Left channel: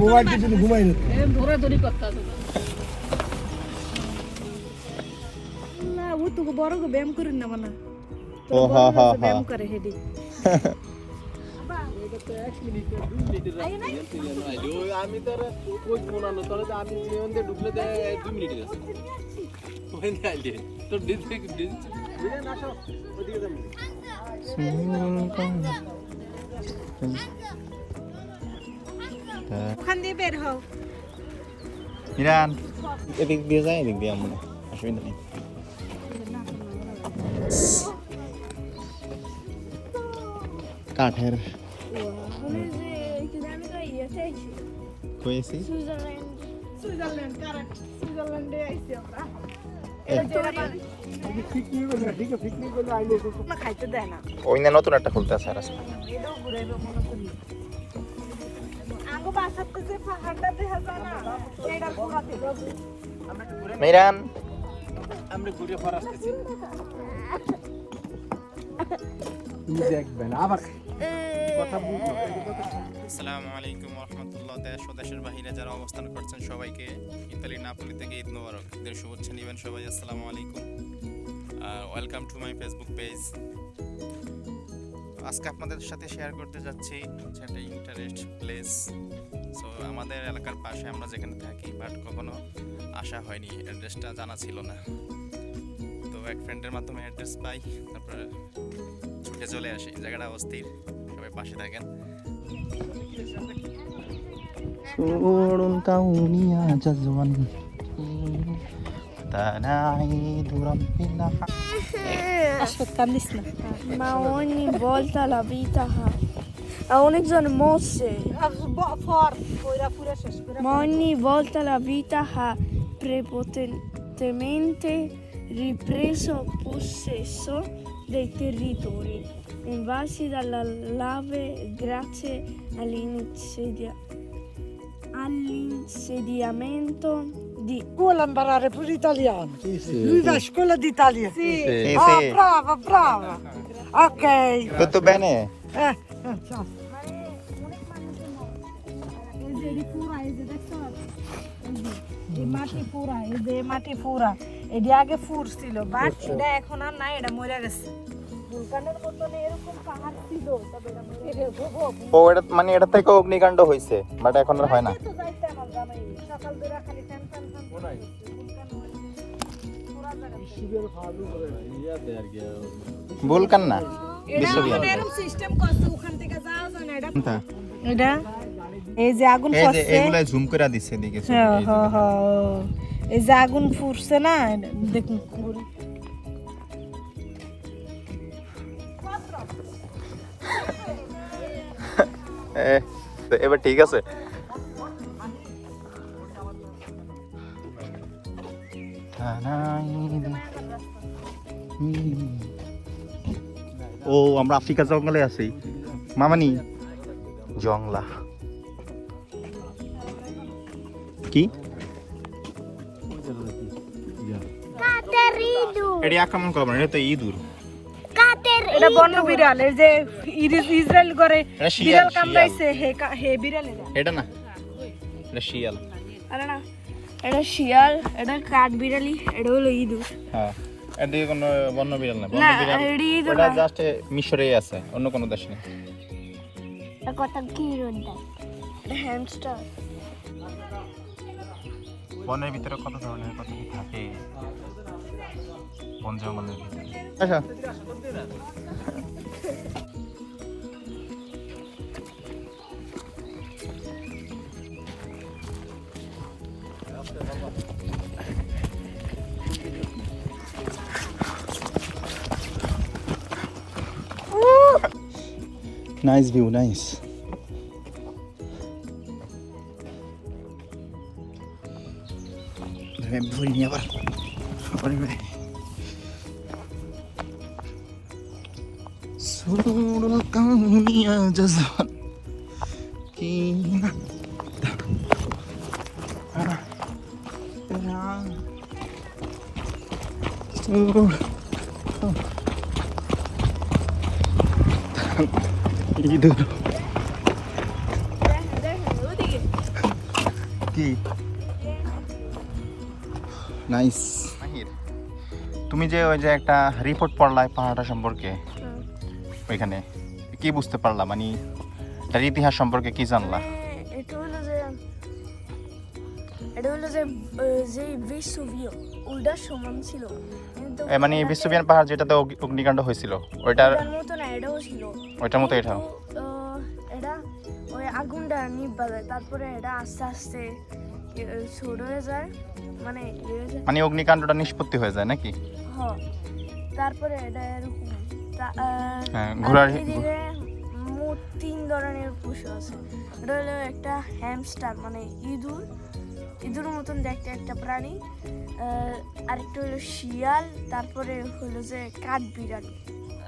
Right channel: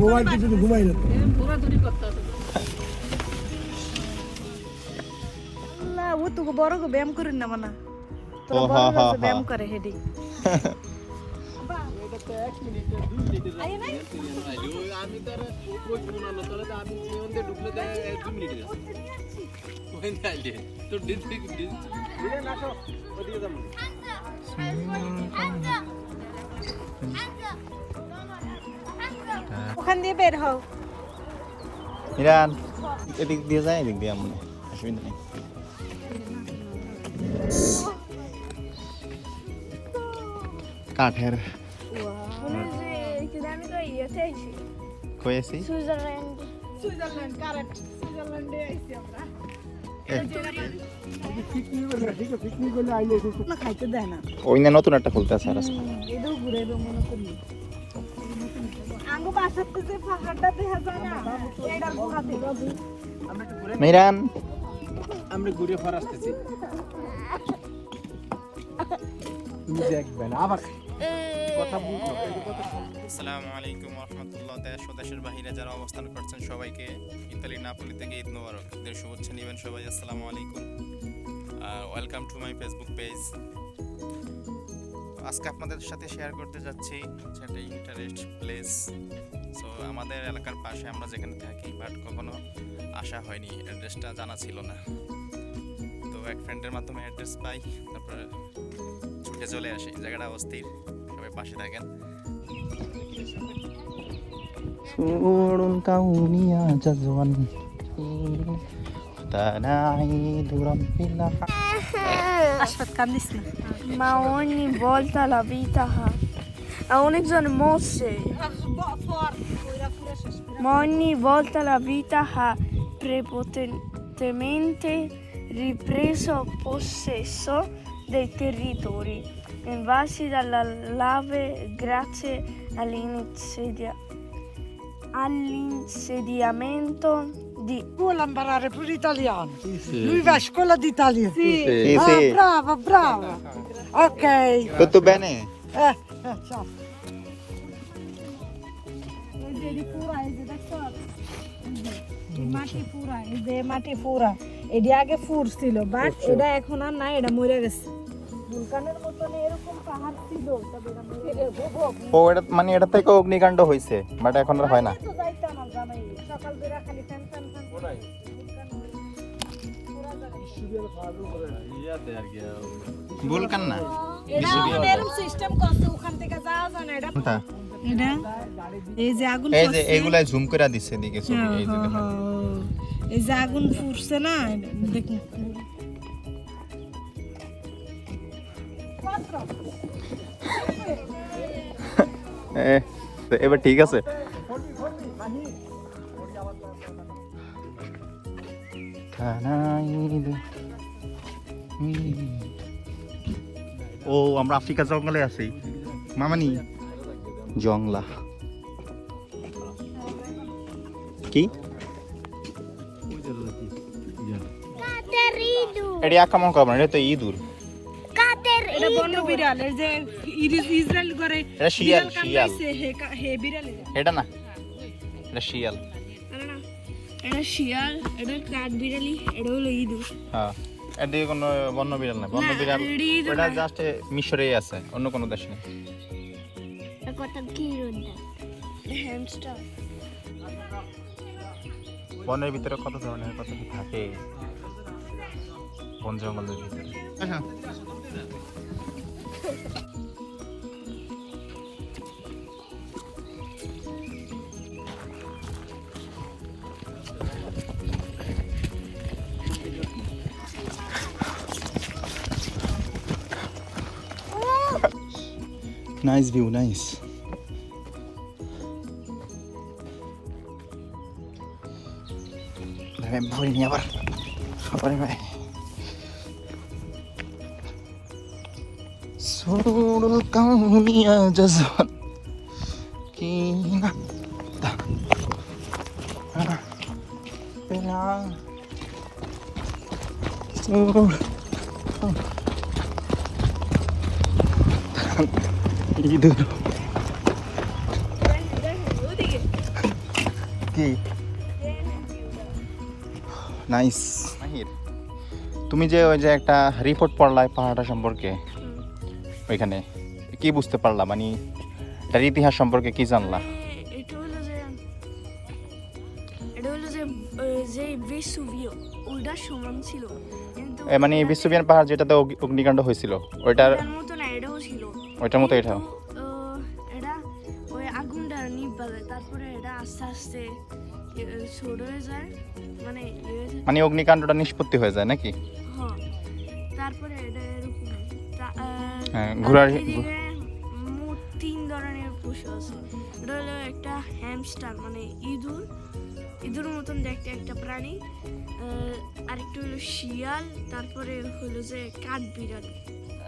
ঘুমাইতে তুমি ঘুমাই না ও তোকে বড় গো ব্যায়াম করেন না মানা। ও, হা, হা, হা। ব্যায়াম করে হেডি আমি তো কোচ বানানো তাহলে তো আমি ঢুকলে দু মিনিট তো দিন দিন আসো ওদিকে যাব ওখান দিয়ে বের হও। ইরান। এদিক দিয়ে যায় এদিক দিয়ে আমরা অসুবিধা নেই। কাঠের হয়েছি? সুইজারল্যান্ড। কারেক্ট আইছি আমরা ওই নতুন একটা খুলতে আছে থেকে পাহাড়টা দেখা যায় না সেইটা ঘোরা দেখো ইরান আমরা ঘুরে পর আসতেছি। তুমি দেখবে না আবার কথা বুঝো এই কথা আসসালামু আলাইকুম রহমতুল্লাহ দেশ ও দেশের বাহিরে যারা অবস্থান করছেন সবাইকে। ইতালি নাপোলি থেকে ঈদ মোবারক। ঈদের শুভেচ্ছা নেবেন সবাই আসসালামু আলাইকুম। Welcome to my Facebook page আজকে আপনাদের সাথে শেয়ার করতে যাচ্ছি হচ্ছে একটা ইন্টারেস্ট প্লেস সো আমাদের এলাকার পাশে আমরা যেখানে থাকি বাট কখনো আসা হয়নি। অ্যাড্রেসটা জানা ছিল না। তো এক ফ্রেন্ডের মাধ্যমে অ্যাড্রেস পাই তারপর ছুটে চলে আসি। জায়গাটা অস্থির সবাই পাশে থাকেন। Tanahi duran hilang Ha un'exone mosse. Ma ogni volta la vita ha prepotentemente ripreso possesso dei territori invasi dalla lave grazie all'insedia- all'insediamento di... Vuole imparare pure italiano. Sì, sì. Lui va a scuola di. Sì. Sì, Ah, sì. brava, brava. Ok. Tutto bene? Eh, eh ciao. যে মাটি পুরা এটি আগে ফুরছিল but এটা এখন আর নাই এটা মরে গেছে। ও এটা মানে এটা থেকে অগ্নিকাণ্ড হয়েছে বাট এখন আর হয় না। বলকান না এই যে আগুন এই যে এগুলা জুম করে দিচ্ছে এদিকে হ্যাঁ। এই যে আগুন ফুটছে না দেখুন। এবার ঠিক আছে। ও আমরা আফ্রিকা জঙ্গলে আছি। মামানি। জংলা। কি? এটি মকা এটা তো ইঁদুর এটা বন্য বিড়াল এই যে ইসরায়েল করে এটা শিয়াল বিড়াল শিয়াল। কামড়াইছে হে হে বিড়াল এটা। এটা না এটা শিয়াল। আরে না এটা শিয়াল এটা কাঠ বিড়ালি এটা হলো ইঁদুর। হ্যাঁ এদিকে কোনো বন্য বিড়াল না বন্য বিড়াল ওটা জাস্ট মিশরেই আছে অন্য কোনো দেশ নেই। কত কি রোদা হ্যামস্টার বনের ভিতরে কত ধরনের কত কি থাকে? বন জঙ্গলের ভিতরে। আচ্ছা। নাইস ভিউ নাইস 上れない。ソロカンミアジャズは気になったでなソロカンナイス তুমি যে ওই যে একটা রিপোর্ট পড়লা পাহাড়টা সম্পর্কে ওইখানে কি বুঝতে পারলা? মানে এটার ইতিহাস সম্পর্কে কি জানলা? এটা হলো যে এটা হলো যে যে বিশ্ববিয় ওইটার সমান ছিল। মানে এটাতে- পাহাড় যেটাতে অগ্নিকাণ্ড হয়েছিল ওইটার ওইটার মতো না এটাও ছিল। ওইটার মতো এটা এটা ওই আগুনটা নিভা যায় তারপরে এটা আস্তে আস্তে ছোট হয়ে যায়। মানে মানে অগ্নিকাণ্ডটা নিষ্পত্তি হয়ে যায় নাকি? তারপরে এটা এরকম। হ্যাঁ, আর এদিকে মোট তিন ধরনের পশু আছে। এটা হলো একটা হ্যামস্টার মানে ইঁদুর। ইঁদুর মতন দেখতে একটা প্রাণী। আরেকটা হলো শিয়াল তারপরে হলো যে কাঠ বিড়াল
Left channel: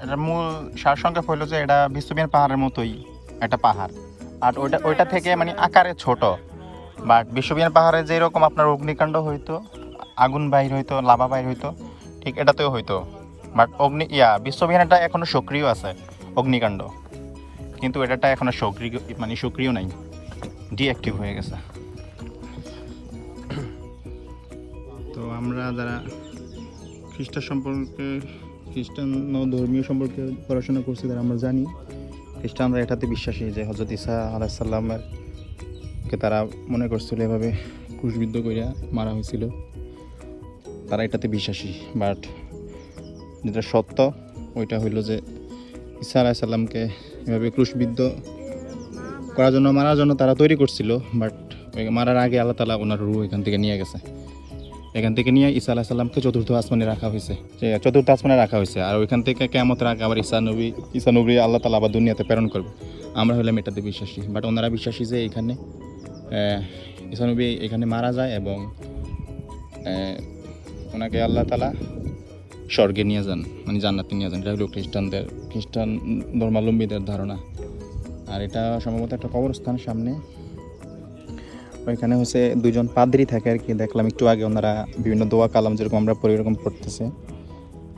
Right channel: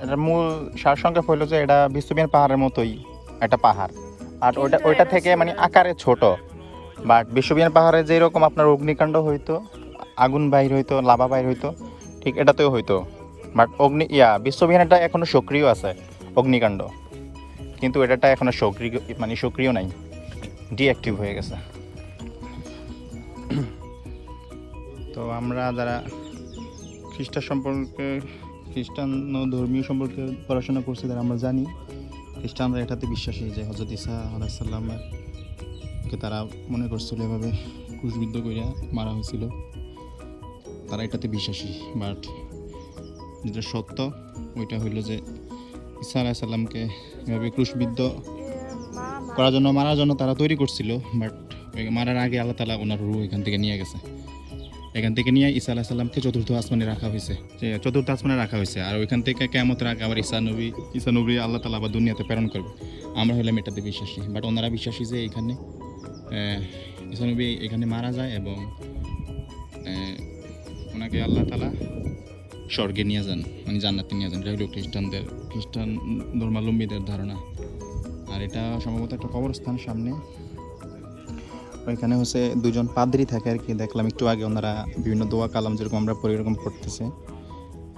এটার মূল সারসংক্ষেপ হলো যে এটা বিশ্ববিয়ান পাহাড়ের মতোই একটা পাহাড়। আর ওইটা এটা থেকে মানে আকারে ছোট। বাট বিশ্ববিয়ান পাহাড়ে যেরকম আপনার অগ্নিকাণ্ড হইতো আগুন বাইর হইতো লাভা বাইর হইতো ঠিক এটাতেও হইতো বাট অগ্নি, ইয়া বিশ্ববিহানটা এখনও সক্রিয় আছে, অগ্নিকাণ্ড। কিন্তু এটাটা এখনও সক্রিয় মানে সক্রিয় নাই ডিঅ্যাক্টিভ হয়ে গেছে। তো আমরা যারা খ্রিস্টান সম্পর্কে, খ্রিস্টান ধর্মীয় সম্পর্কে পড়াশোনা করছি, তারা আমরা জানি, খ্রিস্টানরা এটাতে বিশ্বাসী যে হজরত ইসা আলাইসাল্লামের কে তারা মনে করছিল এভাবে ক্রুশবিদ্ধ করিয়া মারা হয়েছিল। তারা এটাতে বিশ্বাসী। বাট যেটা সত্য, ওইটা হইল যে ইসা আলাইসাল্লামকে এভাবে ক্রুশবিদ্ধ করার জন্য, মারার জন্য তারা তৈরি করছিল বাট মারার আগে আল্লাহ তালা ওনার রু এখান থেকে নিয়ে গেছে। এখান থেকে নিয়ে ঈসা আলাহ সাল্লামকে চতুর্থ আসমানে রাখা হয়েছে। চতুর্থ আসমানে রাখা হয়েছে। আর ওইখান থেকে কেমতের আগে আবার ঈসা নবী ঈসা নবী আল্লাহ তালা আবার দুনিয়াতে প্রেরণ করবে। আমরা হলাম এটাতে বিশ্বাসী। বাট ওনারা বিশ্বাসী যে এখানে ঈসা নবী এখানে মারা যায় এবং ওনাকে আল্লাহ তালা স্বর্গে নিয়ে যান মানে জান্নাতে নিয়ে যান। হলো খ্রিস্টানদের, খ্রিস্টান ধর্মাবলম্বীদের ধারণা। আর এটা সম্ভবত একটা কবরস্থান সামনে। ওইখানে হচ্ছে দুজন পাদ্রি থাকে আর কি, দেখলাম একটু আগে ওনারা বিভিন্ন দোয়া কালাম যেরকম আমরা পড়ি এরকম পড়তেছে।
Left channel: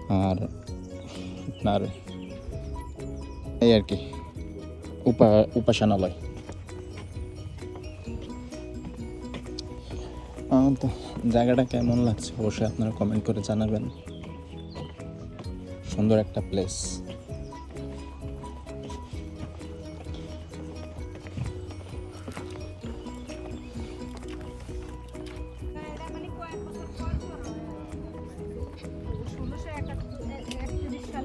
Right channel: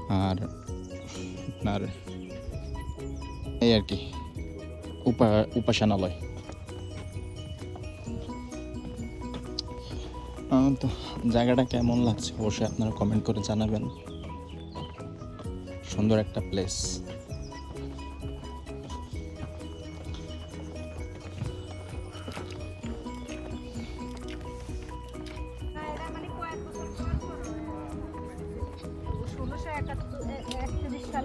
আর আপনার এই আর কি, উপা, উপাসনালয়। জায়গাটা কেমন লাগছে? অবশ্যই আপনারা কমেন্ট করে জানাবেন। সুন্দর একটা প্লেস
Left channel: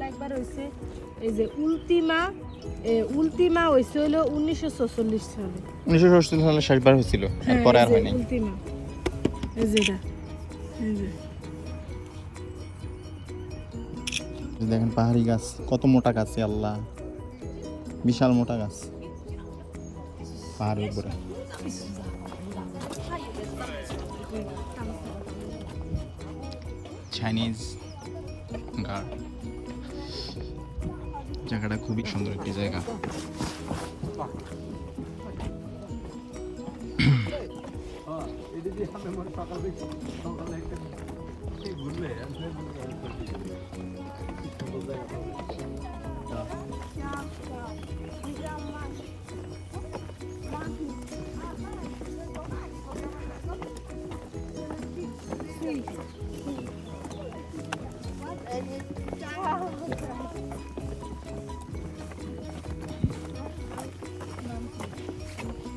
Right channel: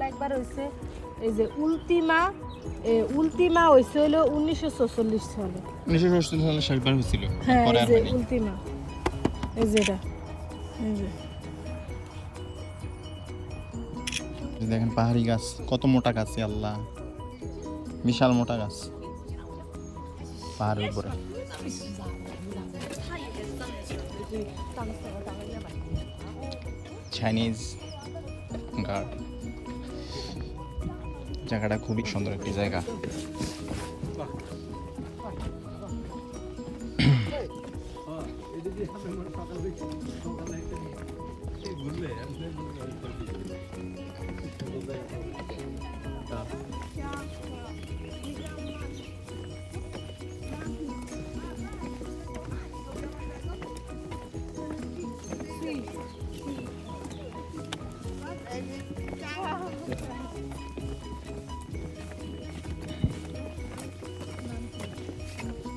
একবার হয়েছে এই যে উল্টিমা উল্টিমা হয়েছে হলো উনিশশো ছচল্লিশ সালে। উনিশশো সালে শেষবার হয়েছিল। হ্যাঁ পরে দেখেন পাহাড়ি গাছ, কত মোটা গাছ আল্লাহ। বিশাল মোটা গাছ। পাহাড়ের উপরে। চাইনিজ জায়গাটা খুবই সুন্দর একটি জায়গা।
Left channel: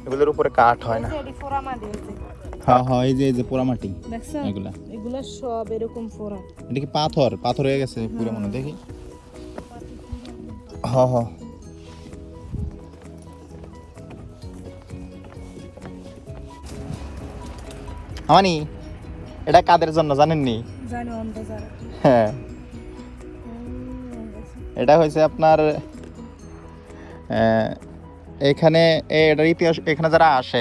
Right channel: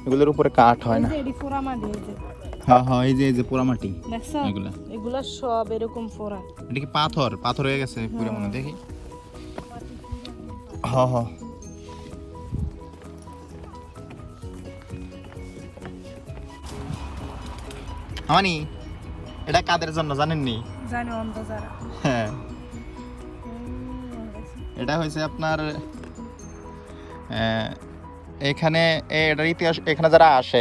এগুলোর উপরে কাঠ হয় এই না যে এটি এই যে হ্যাঁ হ্যাঁ এই যে এই যে পোড়ামাটি দেখছ? এগুলা। এগুলা সব এরকম পোড়া। এটা কি পাথর? পাথর হয়ে গেছে পুরো মনে দেখি। হ হ আমানি এটা কাদের জন্য জানেননি? জানি অন্ধ যারা। হ্যাঁ। এটা হয়েছে আপনার আহ, এখানে এটার ইতিহাস এখানে যারা আসে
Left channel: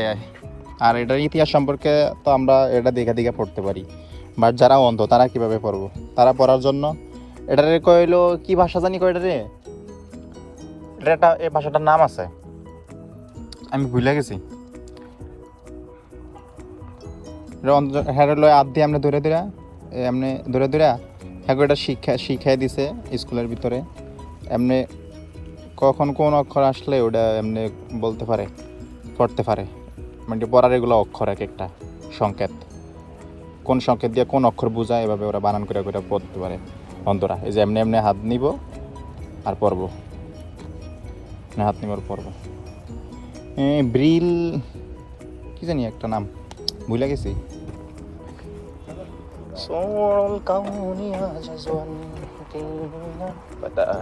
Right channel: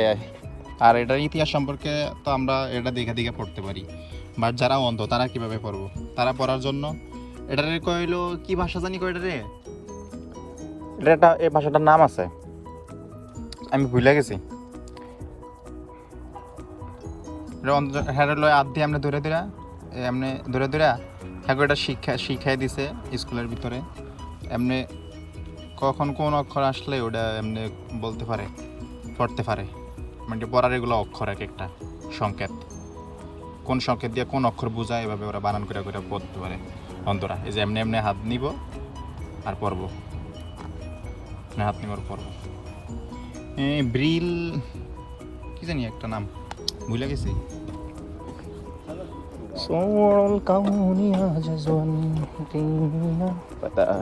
আর এটার ইতিহাস সম্পর্কে তো আমরা এটা দেখে দেখে পড়তে পারি। বাট যারা অন্ধ, তারা কীভাবে পড়ব? তারা পড়ার জন্য এটারে কইলো, কি ভাষা জানি কয় এটা এই ভাষাটার নাম আছে। আমি ভুলে গেছি। এটা অন্ধ হ্যাঁ লয় আধ দিয়ে ধরে ধরে এমনি ধরে ধরে হ্যাঁ এটা শিক্ষা, শিখাই দিছে স্কুলের ভিতরে। এমনি কখন কোন অক্ষর আসলে ওটা এমনি বলতে পারে, পড়তে পারে। মানে বরার এগুলো অক্ষর এক একটা, সংকেত। কোন সংকেত দিয়ে কোন অক্ষর বোঝায়, এভাবে ওরা বানান করে করে পড়তে পারে অন্তরা। এই যে এমনি এমনি হাত নিব আর পরব হাত নিব আর পরব ব্রিল, কি জানি একটা নাম, ভুলে গেছি। তারা